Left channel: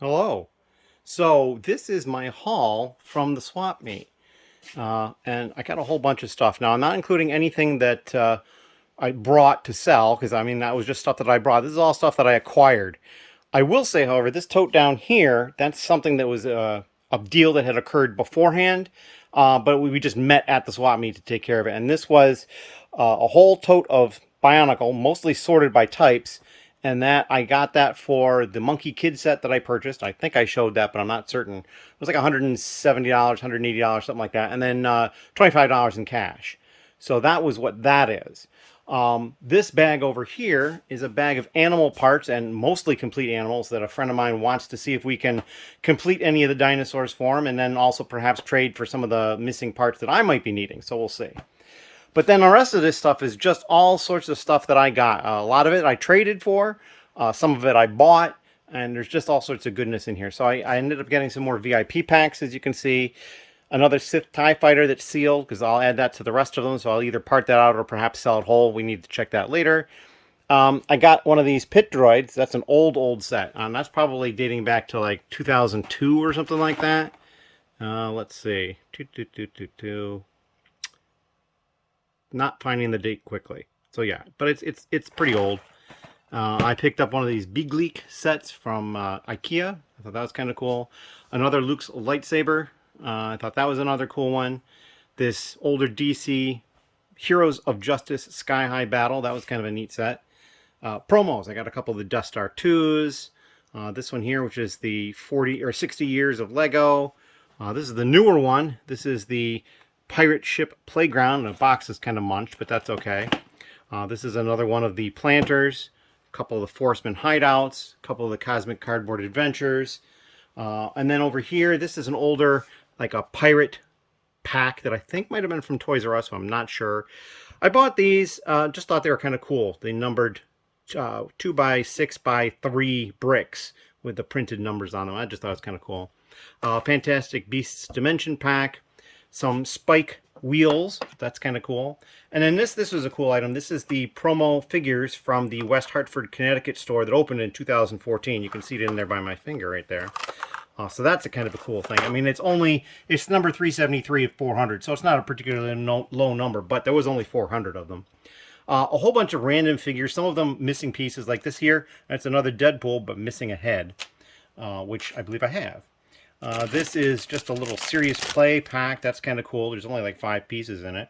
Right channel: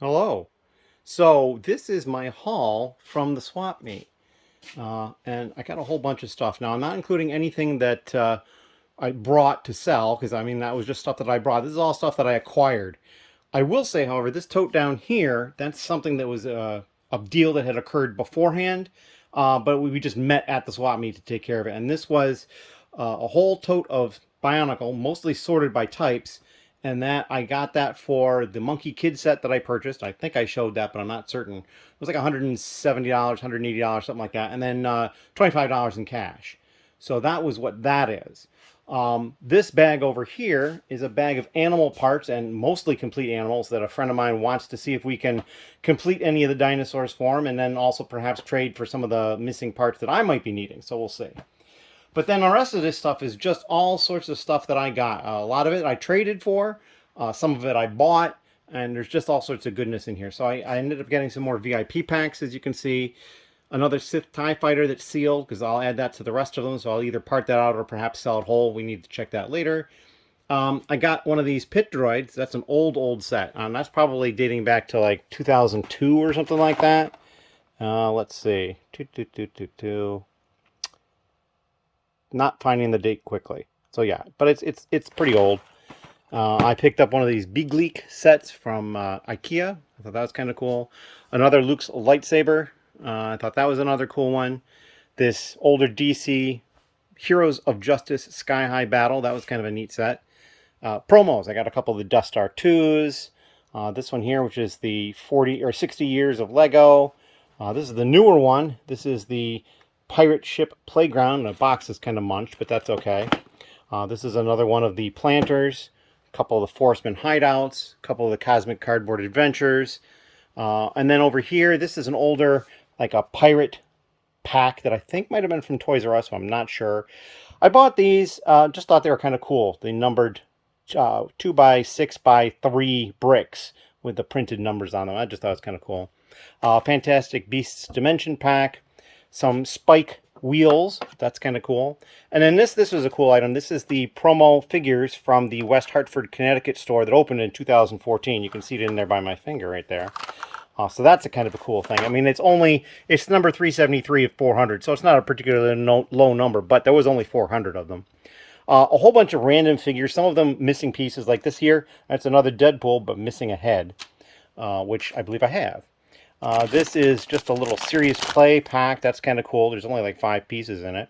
Hello. So this is my haul from the swap meet. And I got a whole bunch of stuff. Now, I'm not including anything that I brought to sell, because I mean, that was just stuff that I brought. This is all stuff that I acquired. I will say, however, this tote down here, that's something that was a deal that had occurred beforehand, but we just met at the swap meet to take care of it. And this was a whole tote of Bionicle, mostly sorted by types, and that I got that for the Monkey Kid set that I purchased. I think I showed that, but I'm not certain. It was like $170, $180, something like that, and then $25 in cash. So that was what that is. This bag over here is a bag of animal parts, and mostly complete animals, that a friend of mine wants to see if we can complete any of the dinosaurs for him, and then also perhaps trade for some of the missing parts that I might be needing. So we'll see. But then the rest of this stuff is just all sorts of stuff that I got. A lot of it I traded for, some of it I bought, and there's just all sorts of goodness in here. So I ended up getting some more VIP packs, as you can see. Another Sith TIE fighter that's sealed, because I'll add that to the rest of them. So I'll either part that out or perhaps sell it whole. We need to check that later. I got one of these pit droids. That's an old set. That's probably dating back to like 2002 or something like that. Let's see. Not finding the date quickly. So yeah, but it's pretty old. I picked up one of these Bricklink sets from IKEA. I thought that was kind of cool. Another Luke's lightsaber. I thought that was another cool one. This older DC Heroes of Justice Sky High Battle. That was kind of a neat set. Promos. I got a couple of the Death Star 2s. This one here, which is the 40 or 60 years of Lego. This is the newer one. This is the Pirate Ship Playground. The box is kind of munched, but that's okay. This is another one of the Planters. A couple of the Forceman Hideouts. A couple of the Cosmic Cardboard Adventures. And then over here, this is an older, like a pirate pack that I think might have been from Toys R Us, so I'm not sure. I bought these, just thought they were kind of cool. They numbered 2 by 6 by 3 bricks with the printed numbers on them. I just thought it was kind of cool. Fantastic Beasts Dimension pack. Some Spike wheels. That's kind of cool. And then this was a cool item. This is the promo figures from the West Hartford, Connecticut store that opened in 2014. You can see it in there by my finger right there. So that's a kind of a cool thing. I mean, it's number 373 of 400, so it's not a particularly low number, but there was only 400 of them. A whole bunch of random figures, some of them missing pieces, like this here. That's another Deadpool, but missing a head, which I believe I have. This is just a little Serious Play pack. That's kind of cool. There's only like 5 pieces in it.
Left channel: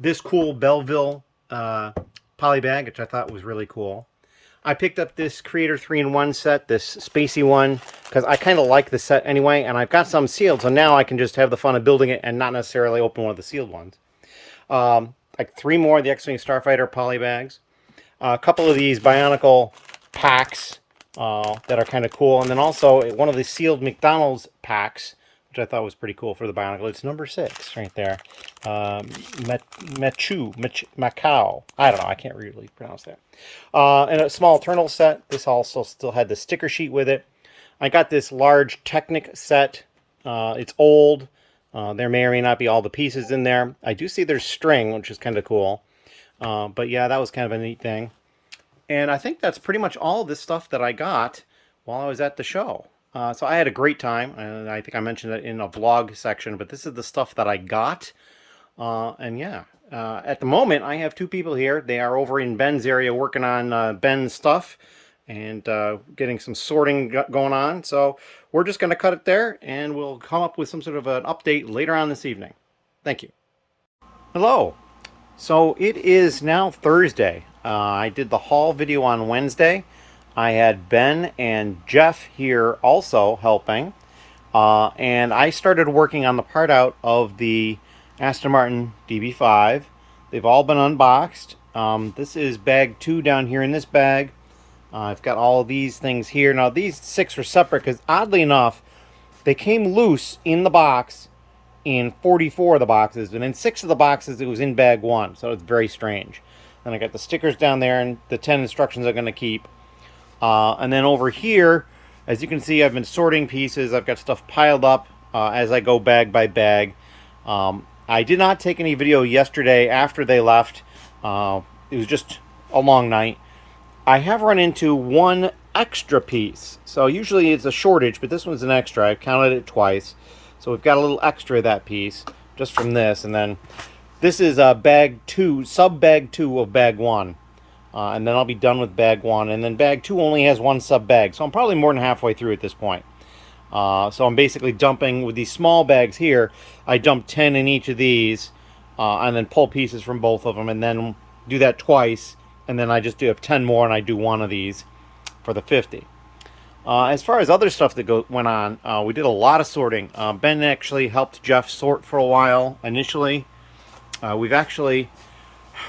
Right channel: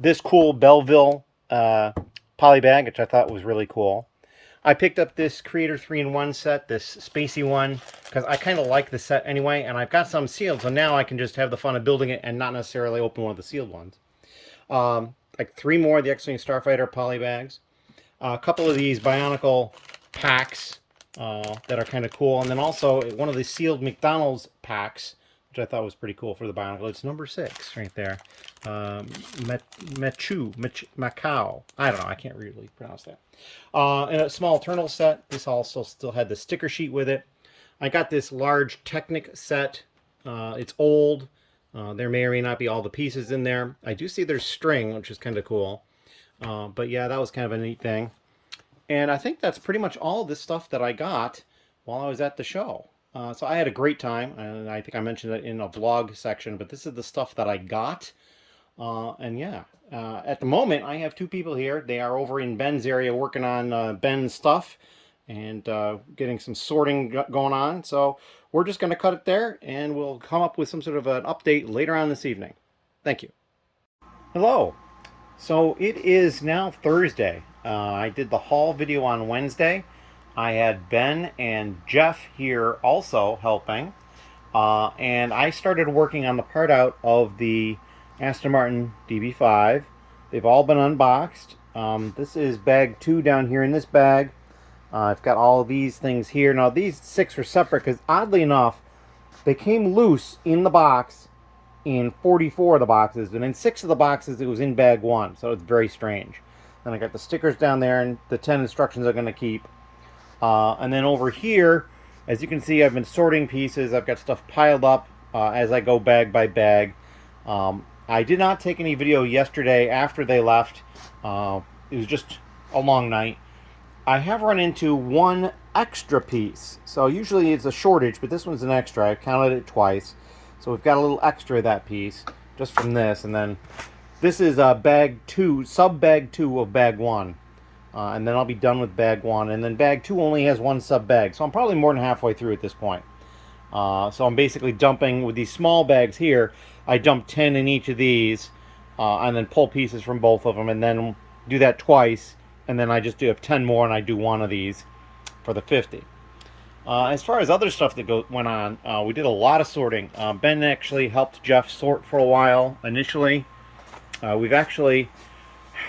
This cool Belleville poly bag, which I thought was really cool. I picked up this Creator 3-in-1 set, this spacey one, because I kind of like the set anyway, and I've got some sealed, so now I can just have the fun of building it and not necessarily open one of the sealed ones. Like 3 more of the X-Wing Starfighter poly bags. A couple of these Bionicle packs that are kind of cool, and then also one of the sealed McDonald's packs, which I thought was pretty cool for the Bionicle. It's number 6 right there. Macau. I don't know. I can't really pronounce that. And a small Eternal set. This also still had the sticker sheet with it. I got this large Technic set. It's old. There may or may not be all the pieces in there. I do see there's string, which is kind of cool. But yeah, that was kind of a neat thing. And I think that's pretty much all of this stuff that I got while I was at the show. So I had a great time, and I think I mentioned it in a vlog section, but this is the stuff that I got. And yeah, at the moment, I have 2 people here. They are over in Ben's area working on Ben's stuff and getting some sorting going on. So we're just going to cut it there, and we'll come up with some sort of an update later on this evening. Thank you. Hello. So it is now Thursday. I did the haul video on Wednesday. I had Ben and Jeff here also helping. And I started working on the part out of the Aston Martin DB5. They've all been unboxed. This is bag 2 down here in this bag. I've got all of these things here. Now these 6 are separate because oddly enough, they came loose in the box in 44 of the boxes. And in 6 of the boxes, it was in bag 1. So it's very strange. Then I got the stickers down there and the 10 instructions I'm going to keep. And then over here, as you can see, I've been sorting pieces. I've got stuff piled up as I go bag by bag. I did not take any video yesterday after they left. It was just a long night. I have run into one extra piece. So usually it's a shortage, but this one's an extra. I counted it twice. So we've got a little extra of that piece just from this. And then this is bag 2, sub bag 2 of bag 1. And then I'll be done with bag 1. And then bag 2 only has one sub bag. So I'm probably more than halfway through at this point. So I'm basically dumping with these small bags here. I dump 10 in each of these and then pull pieces from both of them and then do that twice. And then I just do 10 more and I do one of these for the 50. As far as other stuff that went on, we did a lot of sorting. Ben actually helped Jeff sort for a while initially. We've actually,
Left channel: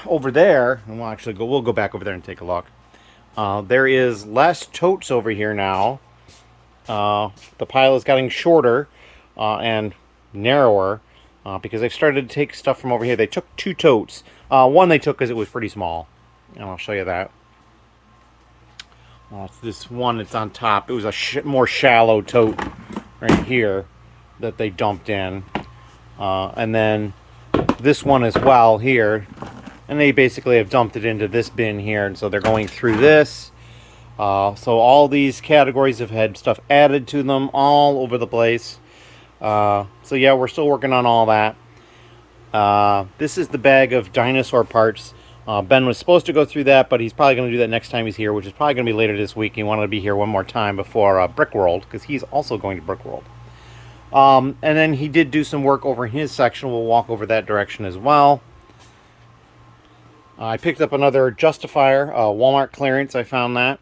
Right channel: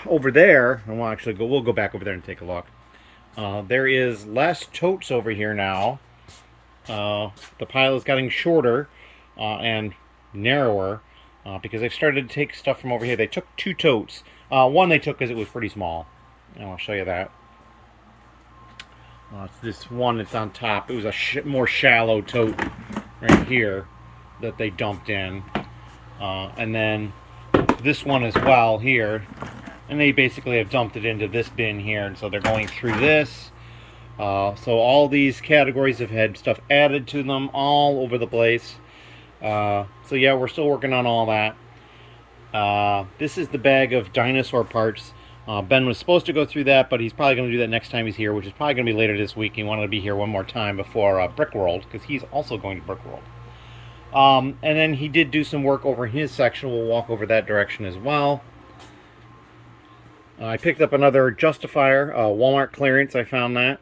over there, and we'll go back over there and take a look. There is less totes over here now. The pile is getting shorter and narrower because they've started to take stuff from over here. They took 2 totes. One they took because it was pretty small. And I'll show you that. It's this one that's on top. It was a more shallow tote right here that they dumped in. And then this one as well here. And they basically have dumped it into this bin here. And so they're going through this. So all these categories have had stuff added to them all over the place. So yeah, we're still working on all that. This is the bag of dinosaur parts. Ben was supposed to go through that, but he's probably going to do that next time he's here, which is probably going to be later this week. He wanted to be here one more time before Brick World, because he's also going to Brick World. And then he did do some work over in his section. We'll walk over that direction as well. I picked up another justifier, Walmart clearance. I found that.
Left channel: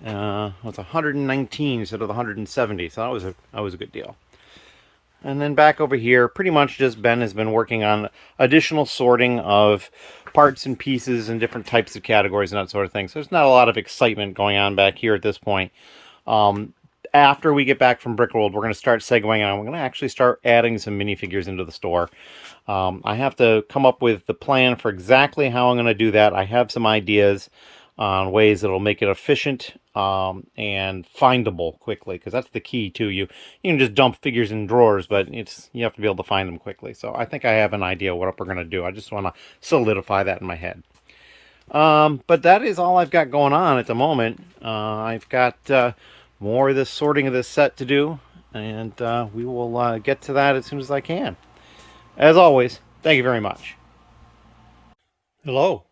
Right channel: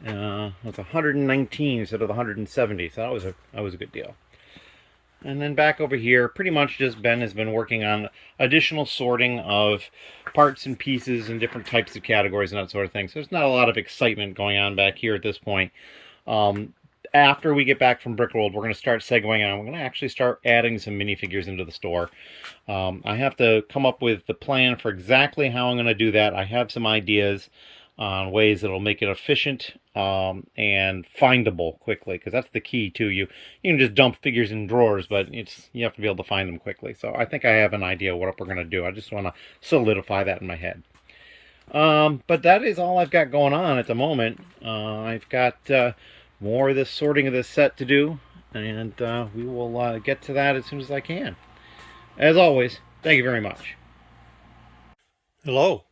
It's 119 instead of 170, so that was a good deal. And then back over here, pretty much just Ben has been working on additional sorting of parts and pieces and different types of categories and that sort of thing. So there's not a lot of excitement going on back here at this point. After we get back from Brick World, we're going to start segueing on. We're going to actually start adding some minifigures into the store. I have to come up with the plan for exactly how I'm going to do that. I have some ideas on ways that'll make it efficient and findable quickly, because that's the key too. You can just dump figures in drawers, but you have to be able to find them quickly. So I think I have an idea what we're going to do. I just want to solidify that in my head. But that is all I've got going on at the moment. I've got more of this sorting of this set to do, and we will get to that as soon as I can. As always, thank you very much. Hello.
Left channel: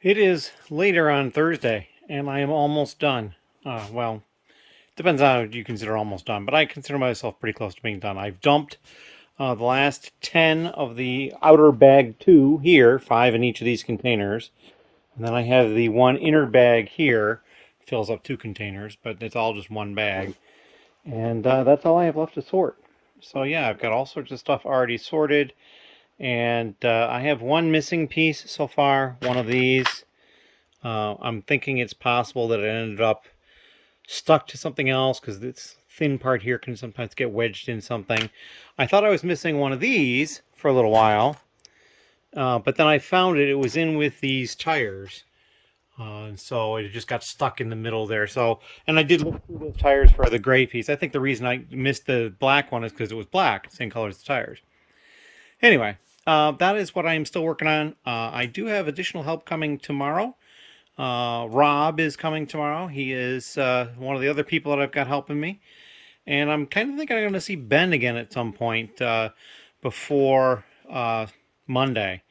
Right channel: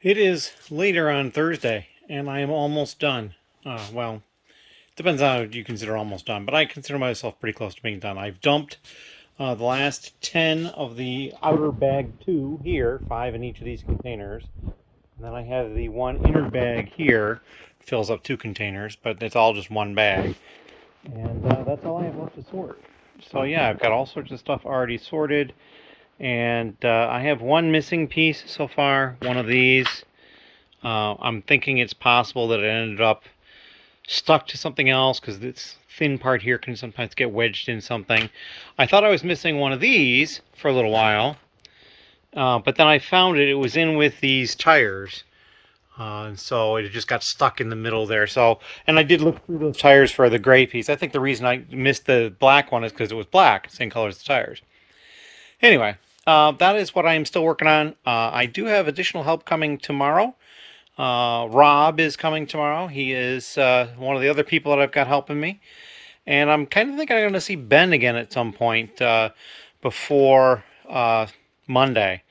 It is later on Thursday, and I am almost done. Well, depends on how you consider almost done, but I consider myself pretty close to being done. I've dumped the last 10 of the outer bag 2 here, 5 in each of these containers. And then I have the one inner bag here, fills up 2 containers, but it's all just one bag. And that's all I have left to sort. So yeah, I've got all sorts of stuff already sorted. And I have one missing piece so far, one of these. I'm thinking it's possible that it ended up stuck to something else, because this thin part here can sometimes get wedged in something. I thought I was missing one of these for a little while, but then I found it was in with these tires. And so it just got stuck in the middle there. So, and I did look through those tires for the gray piece. I think the reason I missed the black one is because it was black, same color as the tires. Anyway. That is what I am still working on. I do have additional help coming tomorrow. Rob is coming tomorrow. He is one of the other people that I've got helping me. And I'm kind of thinking I'm going to see Ben again at some point before Monday.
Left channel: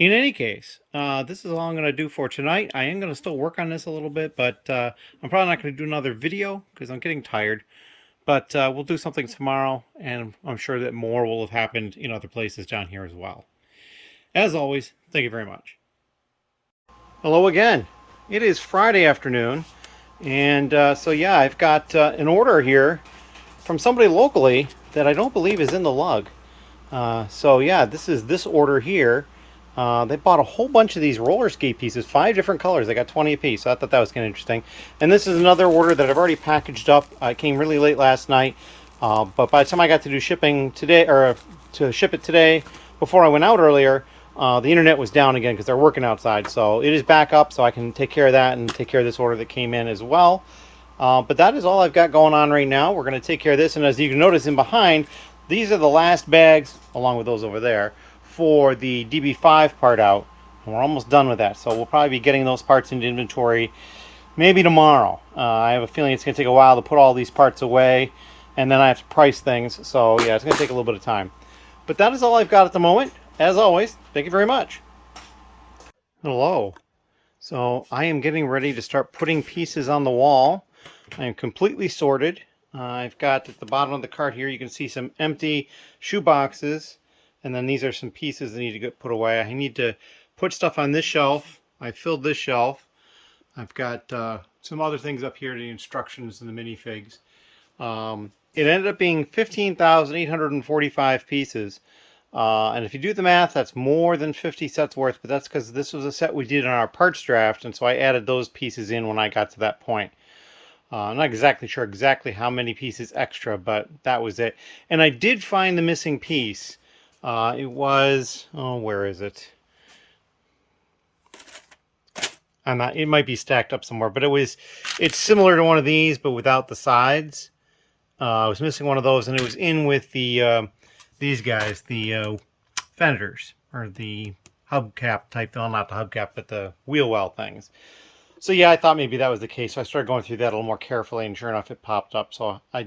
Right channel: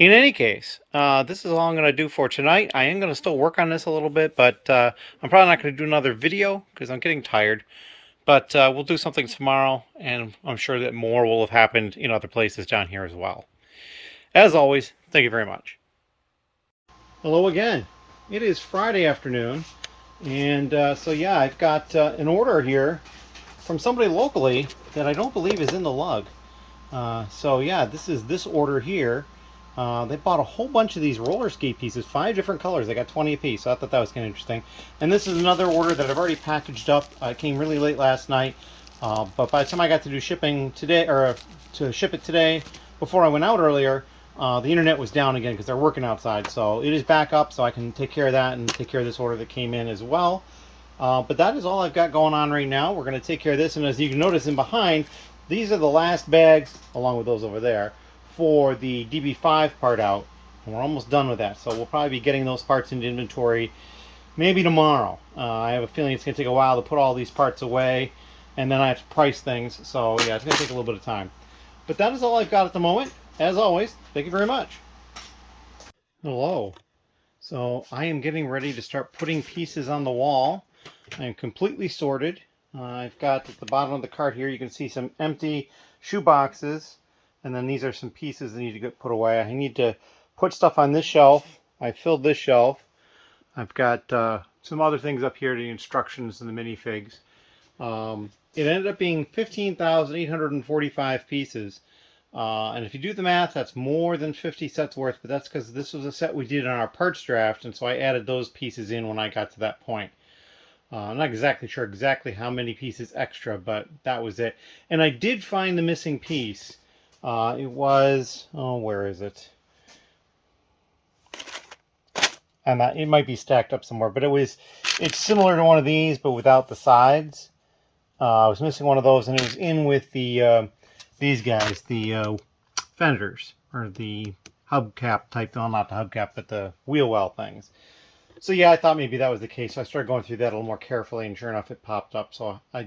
In any case, this is all I'm going to do for tonight. I am going to still work on this a little bit, but I'm probably not going to do another video because I'm getting tired. But we'll do something tomorrow, and I'm sure that more will have happened in other places down here as well. As always, thank you very much. Hello again. It is Friday afternoon, and so yeah, I've got an order here from somebody locally that I don't believe is in the lug. So yeah, this is this order here. They bought a whole bunch of these roller skate pieces, 5 different colors. They got 20 a piece, so I thought that was kind of interesting. And this is another order that I've already packaged up. It came really late last night, but by the time I got to do shipping today, or to ship it today, before I went out earlier, the internet was down again because they're working outside. So it is back up, so I can take care of that and take care of this order that came in as well. But that is all I've got going on right now. We're going to take care of this, and as you can notice in behind, these are the last bags, along with those over there, for the DB5 part out. And we're almost done with that, so we'll probably be getting those parts into inventory maybe tomorrow. I have a feeling it's going to take a while to put all these parts away, and then I have to price things. So yeah, it's going to take a little bit of time. But that is all I've got at the moment. As always, thank you very much. Hello. So I am getting ready to start putting pieces on the wall. I am completely sorted. I've got at the bottom of the cart here, you can see some empty shoe boxes. And then these are some pieces that need to get put away. I need to put stuff on this shelf. I filled this shelf. I've got some other things up here, the instructions and the minifigs. It ended up being 15,845 pieces. And if you do the math, that's more than 50 sets worth, but that's because this was a set we did on our parts draft, and so I added those pieces in when I got to that point. I'm not exactly sure how many pieces extra, but that was it. And I did find the missing piece. It was, oh, where is it? It might be stacked up somewhere, but it's similar to one of these, but without the sides. I was missing one of those, and it was in with the these guys, the fenders, or the hubcap type, well, not the hubcap, but the wheel well things. So yeah, I thought maybe that was the case. So I started going through that a little more carefully, and sure enough, it popped up. So I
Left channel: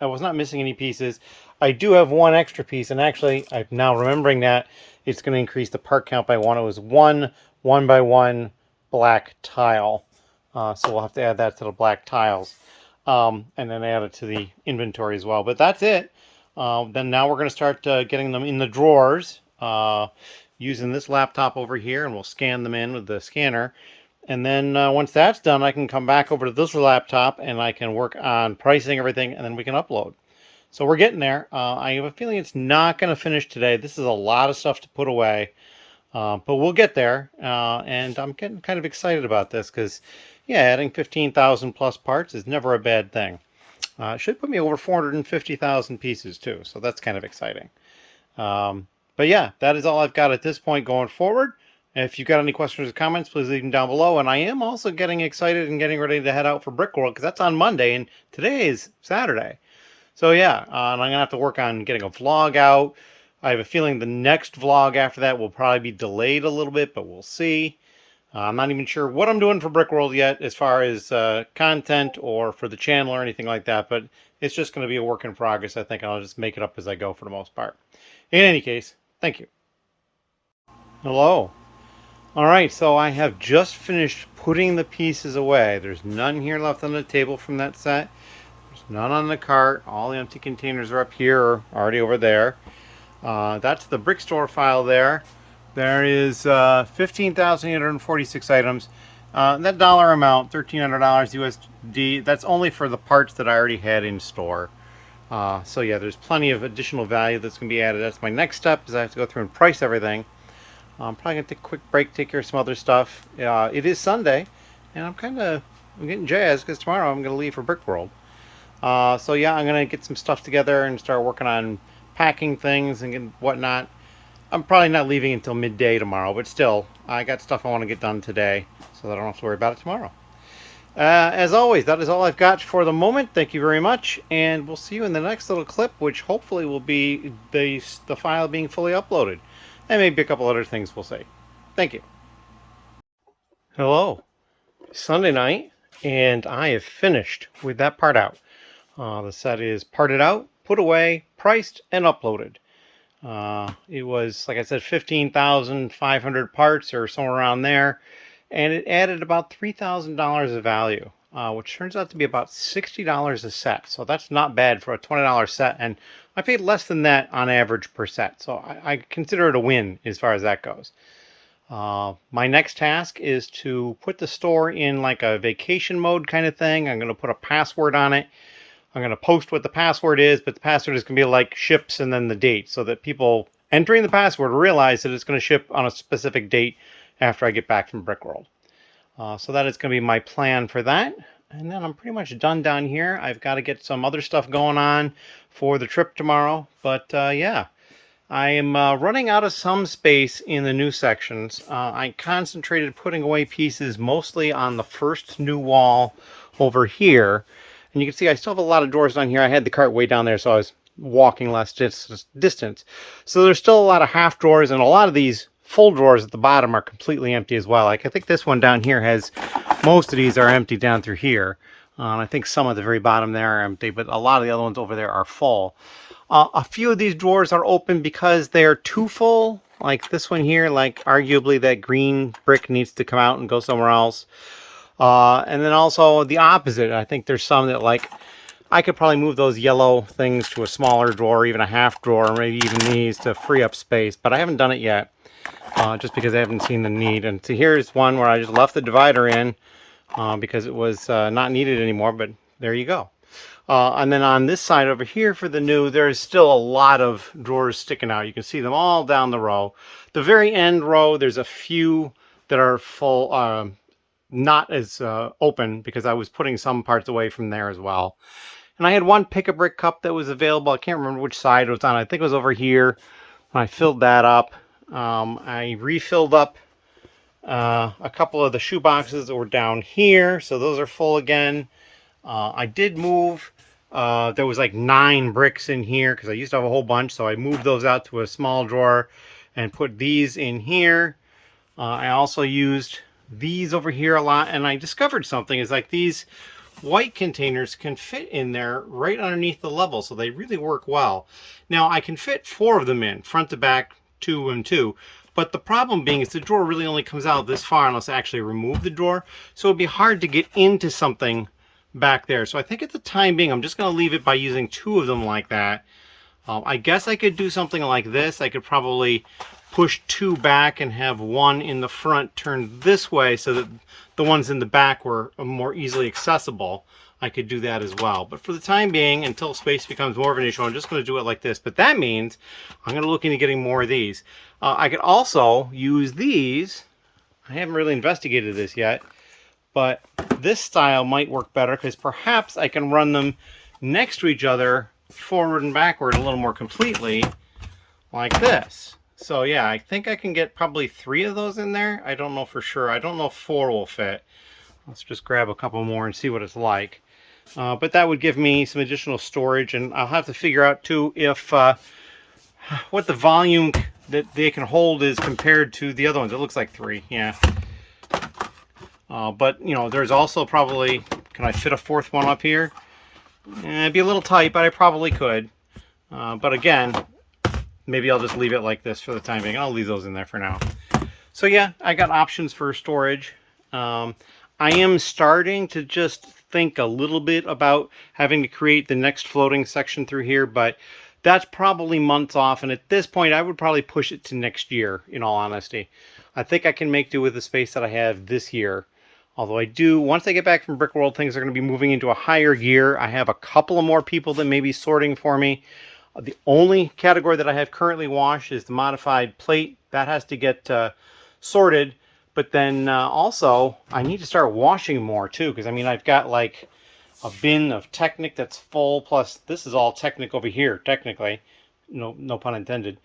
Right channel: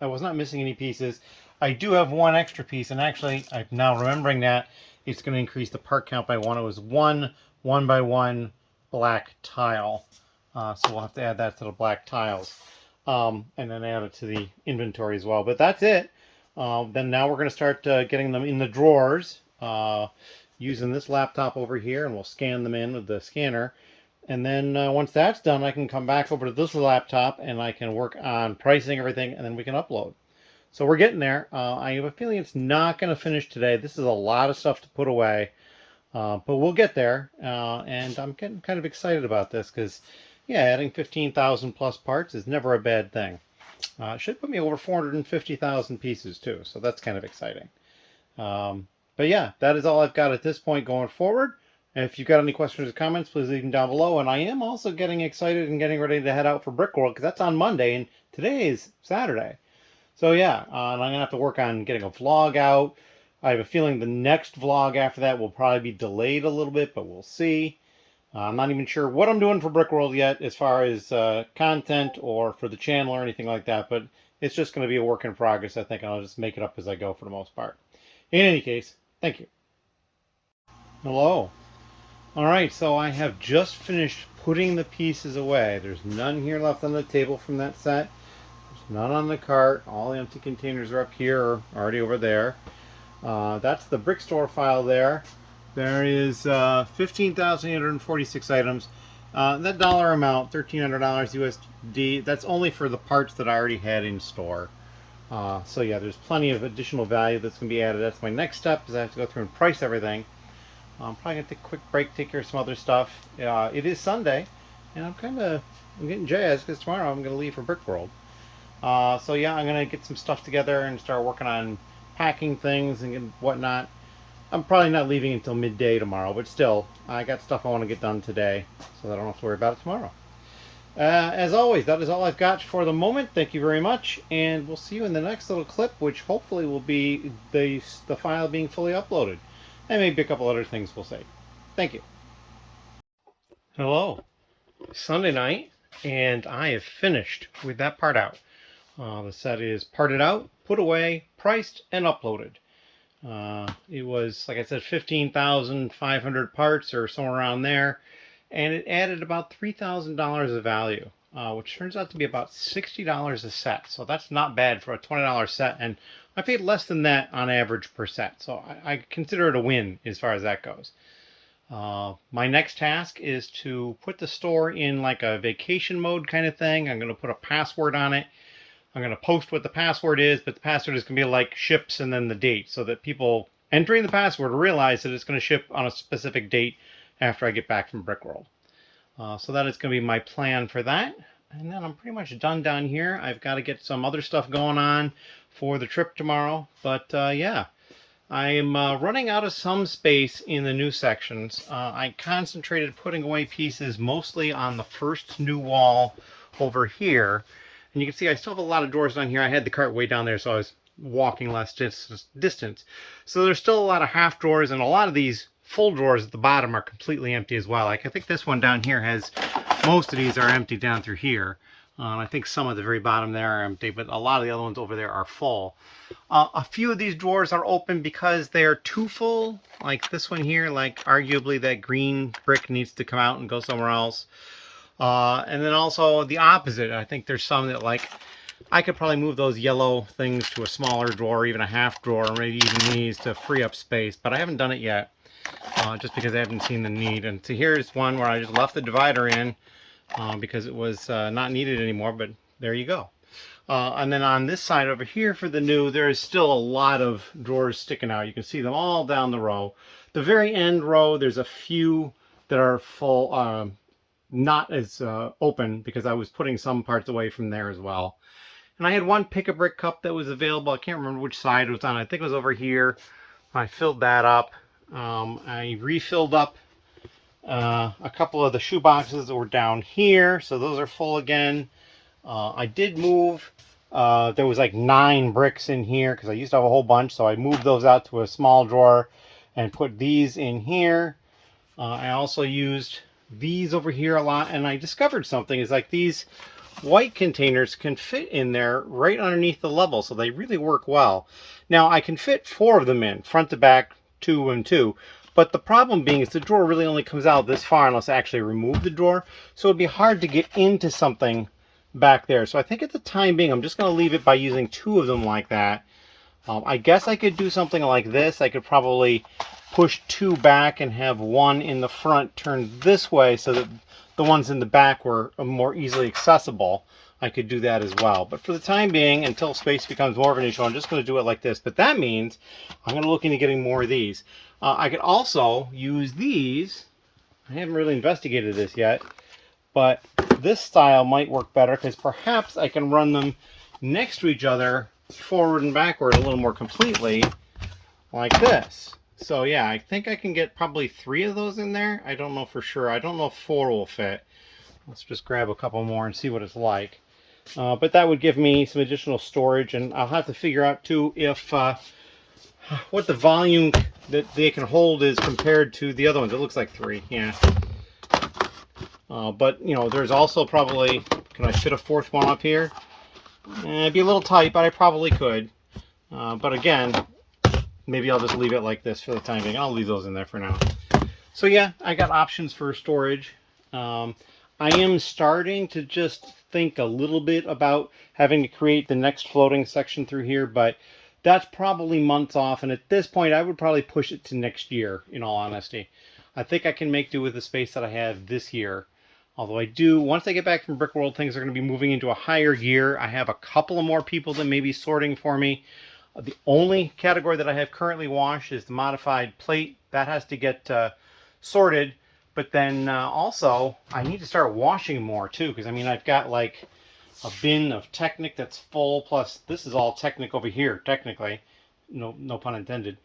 was not missing any pieces. I do have one extra piece, and actually, I'm now remembering that it's going to increase the part count by one. It was one 1x1 black tile. So we'll have to add that to the black tiles. And then add it to the inventory as well. But that's it. Then now we're going to start getting them in the drawers using this laptop over here, and we'll scan them in with the scanner. And then once that's done, I can come back over to this laptop and I can work on pricing everything, and then we can upload. So we're getting there. I have a feeling it's not going to finish today. This is a lot of stuff to put away, but we'll get there. And I'm getting kind of excited about this because, yeah, adding 15,000 plus parts is never a bad thing. It should put me over 450,000 pieces too, so that's kind of exciting. But yeah, that is all I've got at this point going forward. If you've got any questions or comments, please leave them down below. And I am also getting excited and getting ready to head out for Brickworld, because that's on Monday, and today is Saturday. So yeah, and I'm going to have to work on getting a vlog out. I have a feeling the next vlog after that will probably be delayed a little bit, but we'll see. I'm not even sure what I'm doing for Brickworld yet as far as content or for the channel or anything like that, but it's just going to be a work in progress. I think I'll just make it up as I go for the most part. In any case, thank you. Hello. All right, so I have just finished putting the pieces away. There's none here left on the table from that set. There's none on the cart. All the empty containers are up here or already over there. That's the brick store file there. There is 15,846 items. That dollar amount, $1,300 USD, that's only for the parts that I already had in store. So yeah, there's plenty of additional value that's going to be added. That's my next step, is I have to go through and price everything. I'm probably going to take a quick break, take care of some other stuff. It is Sunday, and I'm getting jazzed because tomorrow I'm going to leave for Brickworld. So yeah, I'm going to get some stuff together and start working on packing things and whatnot. I'm probably not leaving until midday tomorrow, but still, I got stuff I want to get done today, so that I don't have to worry about it tomorrow. As always, that is all I've got for the moment. Thank you very much, and we'll see you in the next little clip, which hopefully will be the file being fully uploaded. And maybe a couple other things we'll see. Thank you. Hello. Sunday night, and I have finished with that part out. The set is parted out, put away, priced, and uploaded. It was, like I said, 15,500 parts or somewhere around there, and it added about $3,000 of value, which turns out to be about $60 a set. So that's not bad for a $20 set, and I paid less than that on average per set. So I consider it a win as far as that goes. My next task is to put the store in like a vacation mode kind of thing. I'm going to put a password on it. I'm going to post what the password is, but the password is going to be like ships and then the date, so that people entering the password realize that it's going to ship on a specific date after I get back from Brickworld. So that is going to be my plan for that. And then I'm pretty much done down here. I've got to get some other stuff going on for the trip tomorrow. But yeah, I am running out of some space in the new sections. I concentrated putting away pieces mostly on the first new wall over here. And you can see I still have a lot of drawers down here. I had the cart way down there, so I was walking less distance. So there's still a lot of half drawers, and a lot of these full drawers at the bottom are completely empty as well. Like I think this one down here has, most of these are empty down through here. And I think some at the very bottom there are empty, but a lot of the other ones over there are full. A few of these drawers are open because they're too full. Like this one here, like arguably that green brick needs to come out and go somewhere else. And then also the opposite. I think there's some that like, I could probably move those yellow things to a smaller drawer, even a half drawer, maybe even these to free up space, but I haven't done it yet, just because I haven't seen the need. And so here's one where I just left the divider in because it was not needed anymore, but there you go. And then on this side over here for the new, there is still a lot of drawers sticking out. You can see them all down the row. The very end row, there's a few that are full, not as open, because I was putting some parts away from there as well. And I had one pick-a-brick cup that was available. I can't remember which side it was on. I think it was over here. I filled that up. I refilled up a couple of the shoe boxes that were down here. So those are full again. I did move. There was like 9 bricks in here because I used to have a whole bunch. So I moved those out to a small drawer and put these in here. I also used these over here a lot. And I discovered something is like these white containers can fit in there right underneath the level, so they really work well. Now I can fit 4 of them in, front to back, 2 and 2, but the problem being is the drawer really only comes out this far unless I actually remove the drawer, so it'd be hard to get into something back there. So I think at the time being I'm just going to leave it by using 2 of them like that. I guess I could do something like this. I could probably push 2 back and have 1 in the front turned this way so that the ones in the back were more easily accessible. I could do that as well. But for the time being, until space becomes more of an issue, I'm just going to do it like this. But that means I'm going to look into getting more of these. I could also use these. I haven't really investigated this yet, but this style might work better because perhaps I can run them next to each other, forward and backward a little more completely, like this. So yeah, I think I can get probably 3 of those in there. I don't know for sure. I don't know if 4 will fit. Let's just grab a couple more and see what it's like. But that would give me some additional storage, and I'll have to figure out too if what the volume that they can hold is compared to the other ones. It looks like 3, yeah. But you know, there's also probably, can I fit a 4th one up here? It'd be a little tight, but I probably could. But again, maybe I'll just leave it like this for the time being. I'll leave those in there for now. So yeah, I got options for storage. I am starting to just think a little bit about having to create the next floating section through here, but that's probably months off. And at this point, I would probably push it to next year, in all honesty. I think I can make do with the space that I have this year. Although I do, once I get back from Brickworld, things are going to be moving into a higher gear. I have a couple of more people that may be sorting for me. The only category that I have currently washed is the modified plate. That has to get sorted. But then also, I need to start washing more too. Because I mean, I've got like a bin of Technic that's full. Plus, this is all Technic over here, technically. No pun intended.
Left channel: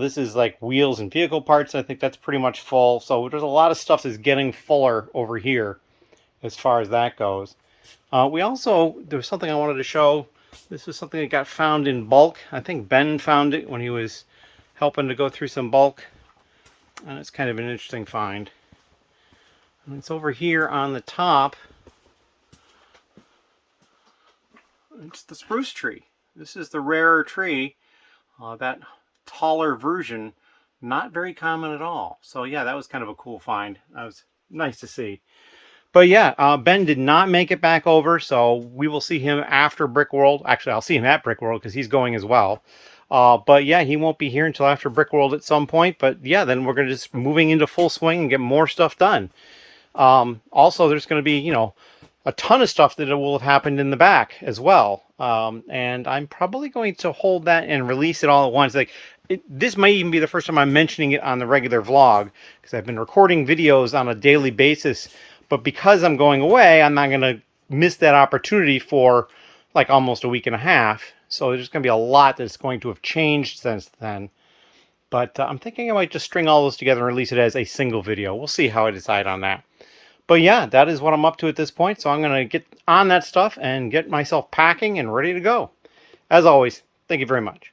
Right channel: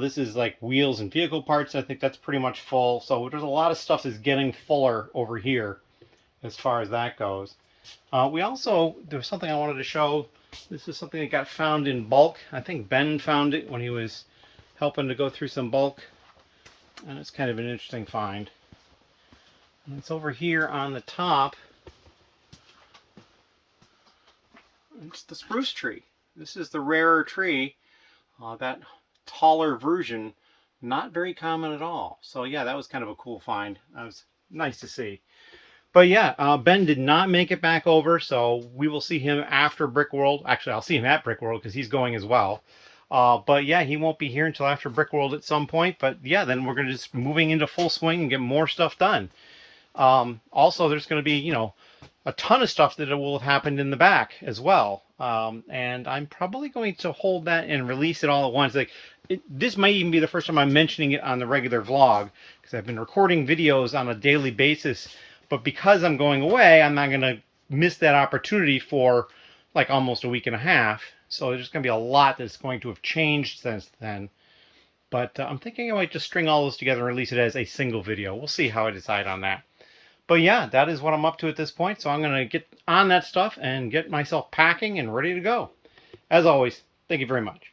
This is like wheels and vehicle parts. I think that's pretty much full. So there's a lot of stuff that's getting fuller over here as far as that goes. We also, there was something I wanted to show. This is something that got found in bulk. I think Ben found it when he was helping to go through some bulk. And it's kind of an interesting find. And it's over here on the top. It's the spruce tree. This is the rarer tree. That taller version, not very common at all. So yeah, that was kind of a cool find. That was nice to see. But yeah, Ben did not make it back over, so we will see him after Brickworld. Actually, I'll see him at Brickworld because he's going as well. But yeah, he won't be here until after Brickworld at some point. But yeah, then we're going to just moving into full swing and get more stuff done. Also, there's going to be, you know, a ton of stuff that will have happened in the back as well. And I'm probably going to hold that and release it all at once. Like this might even be the first time I'm mentioning it on the regular vlog, because I've been recording videos on a daily basis. But because I'm going away, I'm not going to miss that opportunity for like almost a week and a half. So there's going to be a lot that's going to have changed since then. But I'm thinking I might just string all those together and release it as a single video. We'll see how I decide on that. But yeah, that is what I'm up to at this point. So I'm going to get on that stuff and get myself packing and ready to go. As always, thank you very much.